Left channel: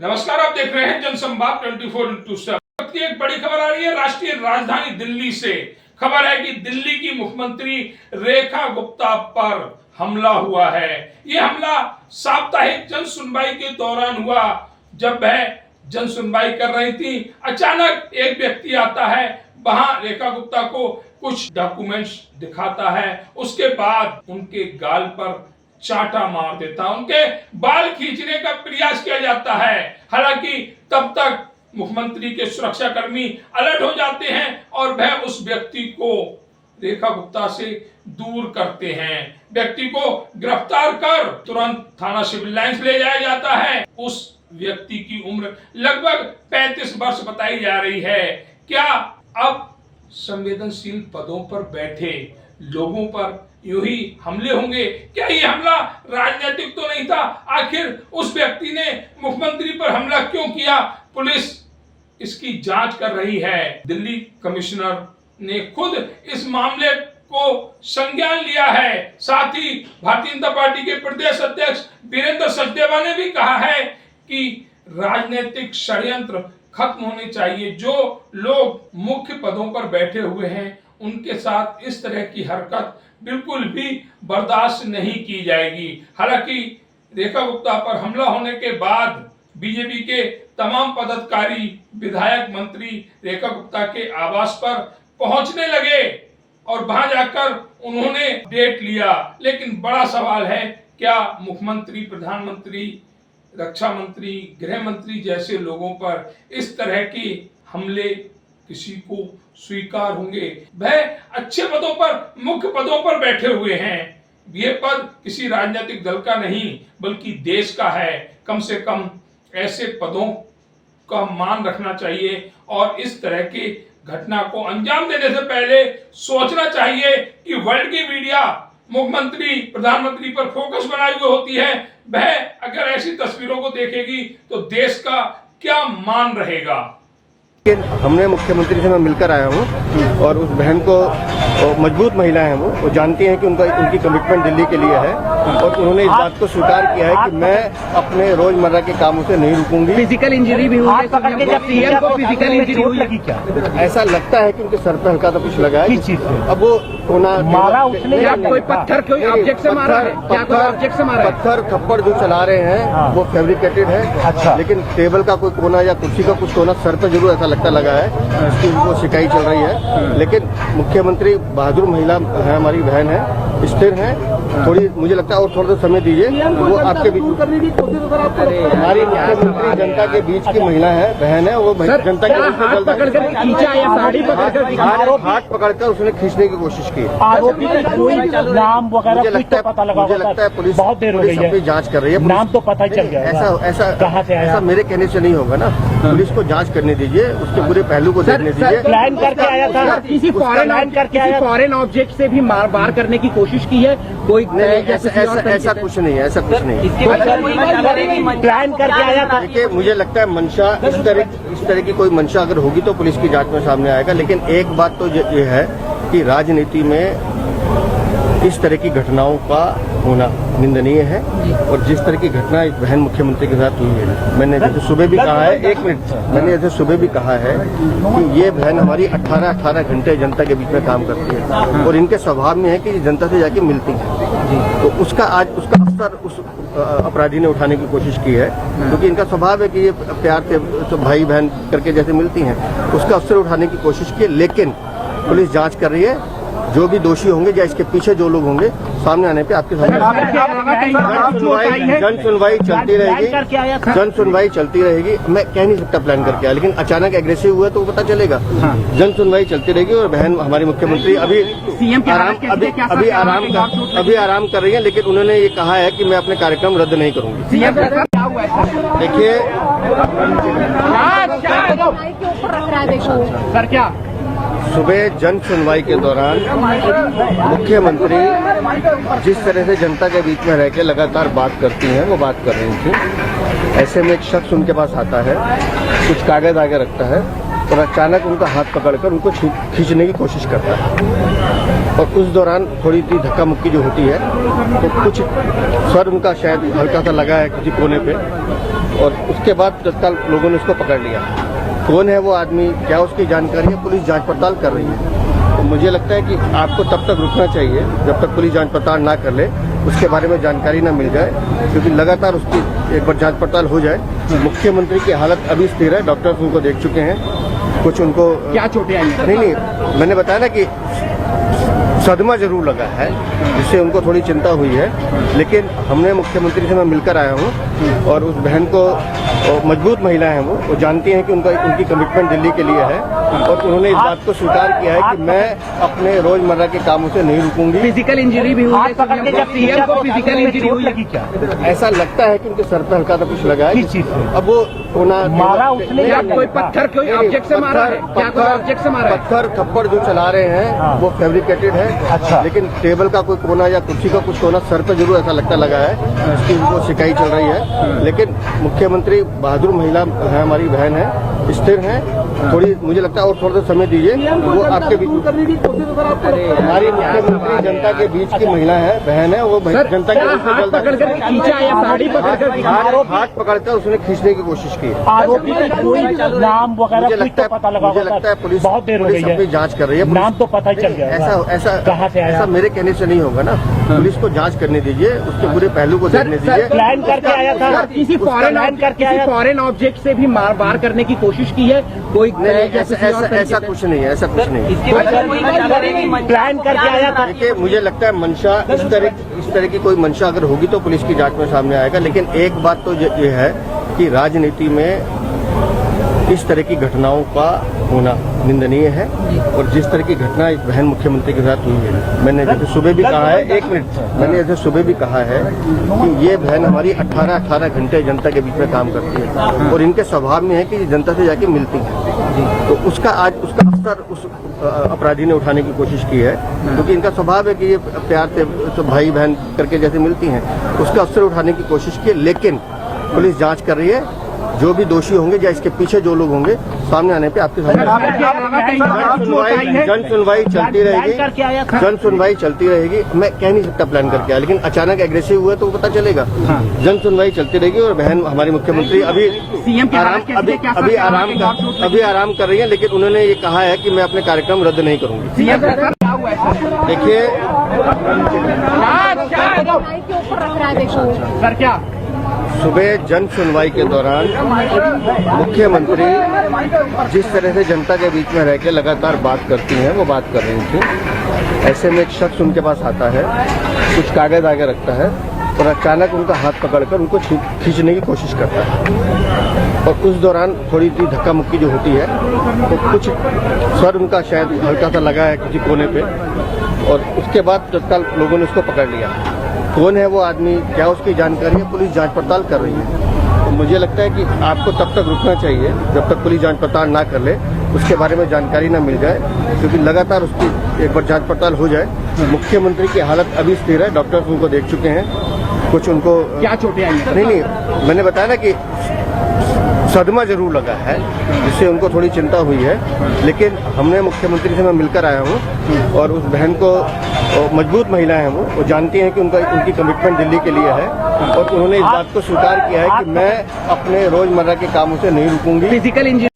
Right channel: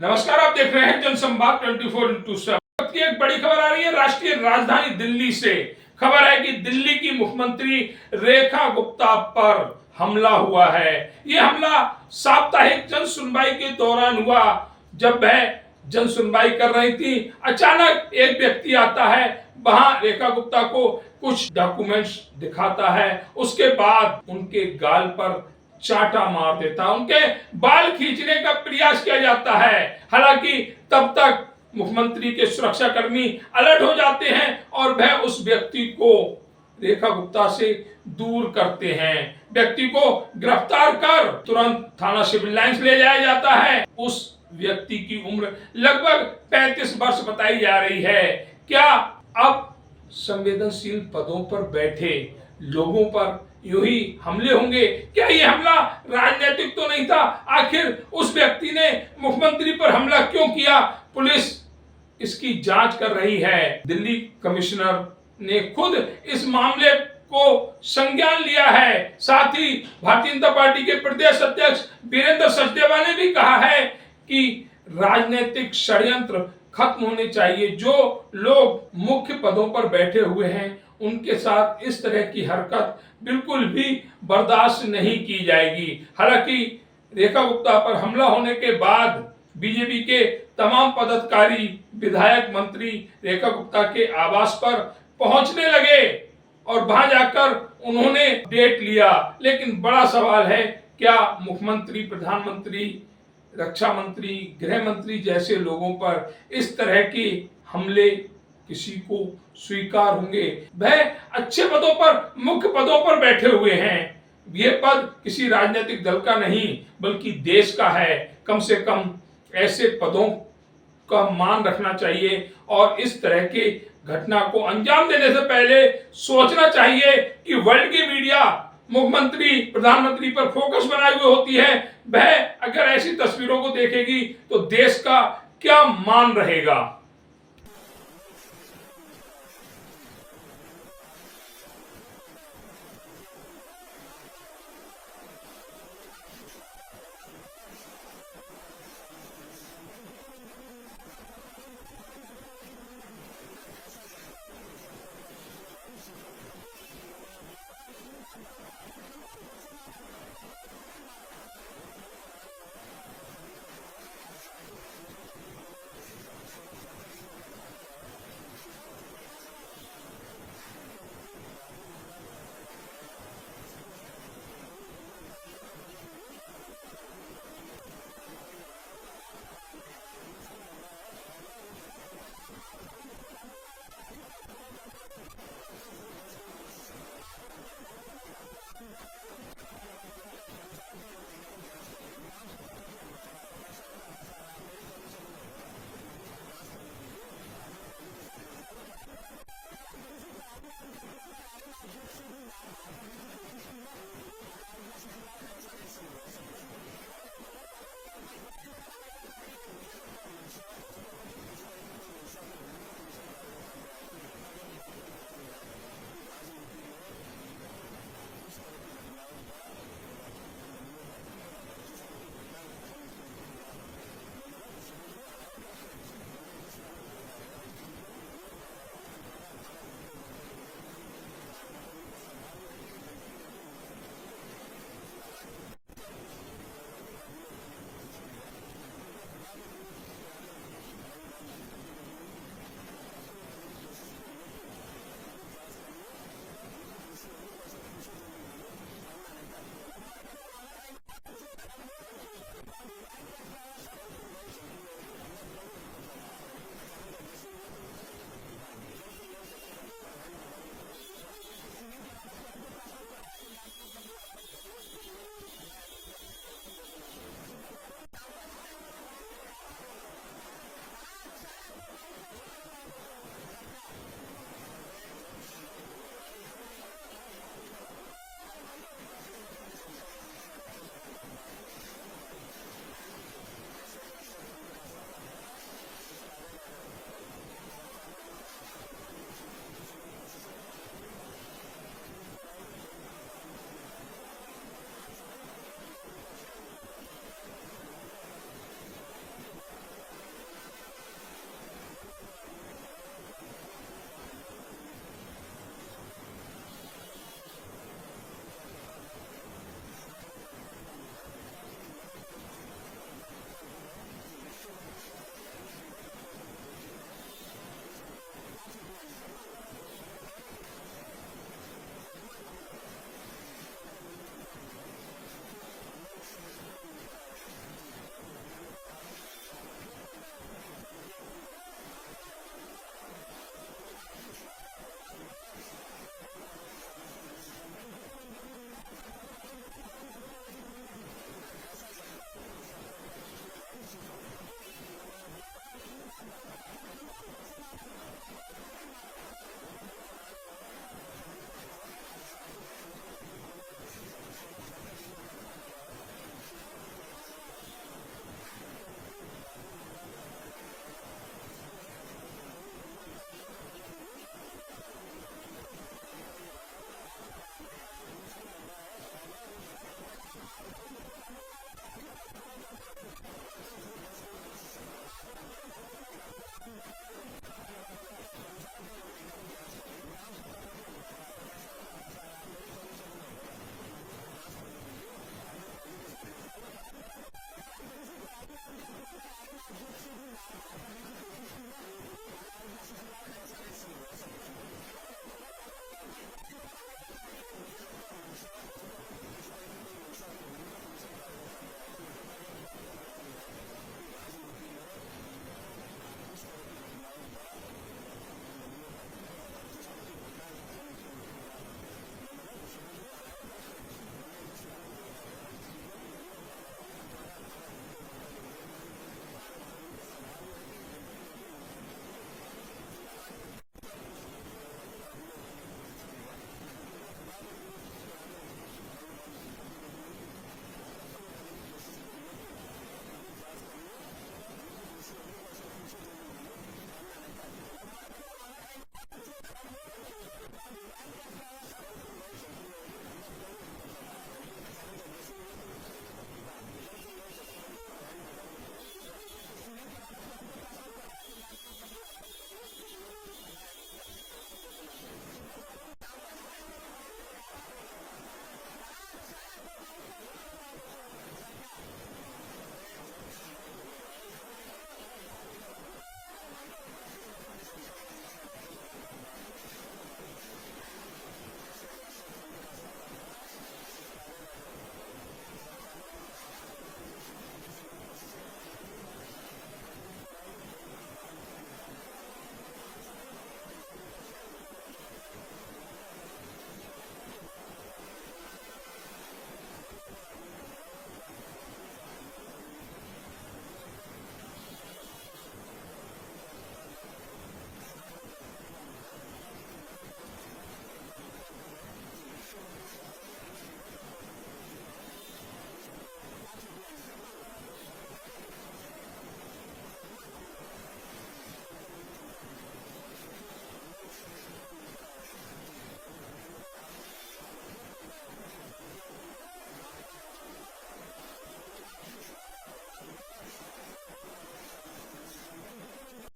नमस्कार, आप देख रहे हैं जनसंवाद 24x7 की एक बड़ी खबर आ रही है राष्ट्रीय राजधानी दिल्ली से। खबर है कि दिल्ली की मुख्यमंत्री रेखा गुप्ता पर हमला हुआ है। यह हमला साप्ताहिक जन सुनवाई के दौरान हुआ। जब वह जन सुनवाई कर रही थी, अचानक एक व्यक्ति आता है, वहां रेखा गुप्ता को कुछ डॉक्यूमेंट्स दिखाता है, उसके बाद उनके गाल पर चाटा मार देता है, उनके बाल खींचने का प्रयास किया जाता है। हालांकि तब तक मुख्यमंत्री के सुरक्षाकर्मी अलर्ट हो जाते हैं और वह उस व्यक्ति को रेखा गुप्ता से दूर करते हैं। व्यक्ति को गिरफ्तार कर तुरंत थाना सिविल लाइंस ले जाया जाता है। उस व्यक्ति की उम्र लगभग 35 वर्ष बताई जा रही है। क्या अब संवेदनशील पदों पर बैठे लोगों पर यूं ही हमले होंगे? क्या ये हमला राजनीतिक तो नहीं था? आखिर उस व्यक्ति ने मुख्यमंत्री पर हमला क्यों किया? पुलिस इसकी जांच कर रही है। दिल्ली कमिश्नर ने खुद इस मामले को संज्ञान लिया है। साथ ही भारतीय जनता पार्टी के प्रदेश अध्यक्ष वीरेंद्र सचदेवा ने भी कहा है कि राजनीतिक षड्यंत्र खत्म होने चाहिए। जो लोग मुख्य पदों पर बैठे हुए हैं, उनके साथ इस तरह की हरकत बिल्कुल भी बर्दाश्त नहीं की जाएगी। हालांकि रेखा गुप्ता पर हमला होने के बाद बीजेपी के तमाम पदाधिकारी, विधायक, मंत्री रेखा गुप्ता के आवास पर पहुंचने लगे और वहां जाकर उन्होंने डेट लिया। लेकिन बड़ा सवाल है, क्या मुख्यमंत्री, प्रधानमंत्री, रक्षा मंत्री, गृह मंत्री जैसे लोगों पर इस तरह के हमले किसी को स्वीकार होंगे? वह अच्छे पदों पर, मुख्य पदों पर बैठे हुए हैं। यह पद किसी राजनीतिक दल का नहीं बल्कि देश का है। कम से कम ऐसे पदों का मान रखना चाहिए और इस तरह के घटना को अंजाम देने से पहले सोचना चाहिए कि वर्ल्ड की मीडिया मुख्यमंत्री, प्रधानमंत्री पर फोकस बनाए हुए होती है। वह अगर ऐसी तस्वीरों को देखेगी तो देश का क्या मान रहेगा? हमने मुख्यमंत्री से मैं मिलकर आया हूँ और उस बहन को, मजबूत महिला है वो जानती हैं कि उनकी कमिटमेंट दिल्ली के लिए है और उन्होंने इस बात को स्वीकार किया है कि मैं अपने रोजमर्रा के कामों से नहीं रुकूंगी। फिजिकल इंजरी भी हुई है, सीएम को फिजिकल इंजरी हुई है क्या? ऐसा लगता है कि उनके सर पे हल्का सा कुछ लगा है। अब वो कोना मारा उसने या कोई पत्थर, कोई ऑब्जेक्ट से मारा है? क्या कोई ऑब्जेक्ट से मारा है? पत्थर थप्पड़ जो चला रहे हैं वो फैब्रिकेटेड है। अच्छा। लेकिन टेबल का कोई कोना या कुर्सी का कुछ कोना सर पे जरूर ऐसा लगता लगा है, इसकी उनको शिकायत चल रही है। लेकिन मुख्यमंत्री बहादुर महिला है, हमारी बहन है, स्थिर है। थोड़ी मुझे लगता है और थोड़ा सा समय दीजिए, वो आपके बीच हमारी मुख्यमंत्री जनता के बीच की महिला है, बहन है, वो जनता के हाथ पकड़कर खींचा या साड़ी पकड़कर? हाथ पकड़कर उसने खींचने की कोशिश की। आरोपी का कोई नाम वगैरह मुझे लगता है पुलिस बहुत देर हो गई है, अपनी जांच कर रही है। नाम तो पता चल गया। ऐसा मेरे कहने से नहीं होगा ना। पुलिस को जांच करने दीजिए, उसके पूरे पहलू को देखने दीजिए। प्लान करके आया था, किसी फॉरेन ऑब्जेक्ट से भी मार करने की कोशिश की है कोई? ऐसा कुछ नहीं है, ऐसा कुछ नहीं है। प्लान करके आया था। देखिए, मुझे लगता है मंशा इस तरह की कोई मंशा अगर होगी तो पुलिस की जांच में सामने आएगा। लेकिन एक बात तो ये है कि राजनीति में इस तरह की घटनाओं का होना निंदनीय है और जिस तरह की घटना इस बहन मुख्यमंत्री के साथ हुई है, मैंने जैसे सुबह भी कहा है, एक मिनट, मैंने जैसे सुबह भी कहा है कि ये बहन हमारी 18 घंटे जनता के बीच में काम करती है और इनके स्वभाव में है कि जनता से जाके मिलती है। तो उसका असर उस अपराधी ने उठाने की कोशिश की है, क्योंकि इनका स्वभाव है कि ये प्यार से तो भाई बहन करके जैसे मिलती हैं, उसका असर उठाने की कोशिश की। लेकिन पुलिस जांच कर रही है, जो भी दोषी होंगे या इसके पीछे जो लोग होंगे सामने आने पे आपके सामने जन सुनवाई चलती रहेगी। जन सुनवाई चलती रहेगी। मैं कह नहीं सकता प्लान करके आया, लेकिन अचानक एग्रेसिव हुआ तो पता चलेगा। जन सुनवाई चलती रहेगी और बहन हमारी मुख्यमंत्री अभी आराम कर रही है। लेकिन उन्होंने ये कहा है कि मैं अपने कार्यक्रम रद्द नहीं करूंगी। देखिए सर, क्या सुबह जन सुनवाई के दौरान मुख्यमंत्री जिस तरह से जनता के बीच में रह के लगातार बात करती हैं, वो बात कर रही थी। ऐसे में एक शख्स उनके पास आता है, कुछ कागज आगे रखता है और अचानक उनका हाथ पकड़कर उनको खींचने की कोशिश करता है। और उस दौरान थोड़ी सी धक्का मुक्की जो होती है तो कुछ सर उनका शायद हल्का सा लगा है किसी कोने पे, और उसके बाद तत्काल लोगों ने उसको पकड़ लिया। कौन है वो आदमी, क्या उसकी जानकारी है, पुलिस जांच पड़ताल कर रही है। तो मुझे लगता है कि आपको तब तक रुकना चाहिए जब तक पुलिस जांच पड़ताल ना कर ले, उसके बारे में जानकारी ना मिल जाए, क्योंकि लगातार उसकी एक बार जांच पड़ताल हो जाए। मुख्यमंत्री की हालत अभी स्थिर है, डॉक्टर्स उनको देख चुके हैं, कुछ उनको क्या चोटें आई हैं? नहीं, मैंने बताया ना कि सदमा जरूर लगा है, जिससे उनको थोड़ी चिंता हुई है, लेकिन हमने मुख्यमंत्री से मैं मिलकर आया हूं और उस बहन को, मजबूत महिला है वो जानती हैं कि उनकी कमिटमेंट दिल्ली के लिए है, और उन्होंने इस बात को स्वीकार किया है कि मैं अपने रोजमर्रा के कामों से नहीं रुकूंगी। फिजिकल इंजरी भी हुई है, सीएम को फिजिकल इंजरी हुई है क्या? ऐसा लगता है कि उनके सर पे हल्का सा कुछ लगा है। किस चीज से? अब वो होना मारा उसने या कोई पत्थर, कोई ऑब्जेक्ट से मारा है? क्या कोई ऑब्जेक्ट से मारा है? पत्थर थप्पड़ जो चला रहे हैं वो फैब्रिकेटेड है। अच्छा। लेकिन टेबल का कोई कोना या कुर्सी का कुछ कोना सर पे जरूर ऐसा लगता लगा है, इसकी उनको शिकायत चल रही है। लेकिन मुख्यमंत्री बहादुर महिला है, हमारी बहन है, स्थिर है। थोड़ी मुझे लगता है और थोड़ा सा समय दीजिए, वो आपके बीच हमारी मुख्यमंत्री जनता के बीच की महिला है, बहन है, वो जनता के बीच में हाथ पकड़कर खींचा या साड़ी पकड़कर? हाथ पकड़कर उसने खींचने की कोशिश की। आरोपी का कोई नाम वगैरह मुझे कुछ लगता तो पता लगा मुझे होगा लगता है पुलिस बहुत देर हो गई अपनी है, जांच कर रही है। नाम तो पता ही चल गया ऐसा कहाँ से आया? ऐसा मेरे कहने से नहीं होगा ना, पुलिस को जांच करने दीजिए, उसके पूरे पहलू को देखने दीजिए। प्लान करके आया था, किसी फॉरेन ऑब्जेक्ट से भी मार करने की कोशिश की है कोई? ऐसा कुछ नहीं है, ऐसा कुछ नहीं है। प्लान करके आया था। देखिए, मुझे लगता है मंशा इस तरह की कोई मंशा अगर होगी तो पुलिस की जांच में सामने आएगा। लेकिन एक बात तो ये है कि राजनीति में इस तरह की घटनाओं का होना निंदनीय है, और जिस तरह की घटना इस बहन मुख्यमंत्री के साथ हुई है, मैंने जैसे सुबह भी कहा है, एक मिनट, मैंने जैसे सुबह भी कहा है कि ये बहन हमारी 18 घंटे जनता के बीच में काम करती है, और इनके स्वभाव में है कि जनता से जाके मिलती है। तो उसका अवसर उस अपराधी ने उठाने की कोशिश की है, क्योंकि इनका स्वभाव है कि ये प्यार से तो भाई बहन करके जैसे मिलती हैं, उसका अवसर उठाने की कोशिश की। लेकिन पुलिस जांच कर रही है, जो भी दोषी होंगे या इसके पीछे जो लोग होंगे सामने आने पे आपके सामने जन सुनवाई चलती रहेगी, जन सुनवाई चलती रहेगी। मैं कह नहीं सकता प्लान करके आया, लेकिन अचानक एग्रेसिव हुआ तो वो पता चलेगा। जन सुनवाई चलती रहेगी, और बहन हमारी मुख्यमंत्री अभी आराम कर रही है, लेकिन उन्होंने ये कहा है कि मैं अपने कार्यक्रम रद्द नहीं करूंगी। देखिए सर, क्या सुबह जन सुनवाई के दौरान मुख्यमंत्री जिस तरह से जनता के बीच में रह के लगातार बात करती हैं, वो बात कर रही थी। ऐसे में एक शख्स उनके पास आता है, कुछ कागज आगे रखता है, और अचानक उनका हाथ पकड़कर उनको खींचने की कोशिश करता है। और उस दौरान थोड़ी सी धक्का मुक्की जो होती है तो कुछ सर उनका शायद हल्का सा लगा है किसी कोने पे, और उसके बाद तत्काल लोगों ने उसको पकड़ लिया। कौन है वो आदमी, क्या उसकी जानकारी है, पुलिस जांच पड़ताल कर रही है। तो मुझे लगता है कि आपको तब तक रुकना चाहिए जब तक पुलिस जांच पड़ताल ना कर ले, उसके बारे में जानकारी ना मिल जाए, क्योंकि लगातार उसकी एक बार जांच पड़ताल हो जाए। मुख्यमंत्री की हालत अभी स्थिर है, डॉक्टर्स उनको देख चुके हैं, कुछ उनको क्या चोटें आई हैं? नहीं, मैंने बताया ना कि सदमा जरूर लगा है, जिससे उनको थोड़ी चिंता हुई है। लेकिन हमने मुख्यमंत्री से मैं मिलकर आया हूं और उस बहन को, मजबूत महिला है वो जानती हैं कि उनकी कमिटमेंट दिल्ली के लिए है, और उन्होंने इस बात को स्वीकार किया है कि मैं अपने रोजमर्रा के कामों से नहीं रुकूंगी। Physical injury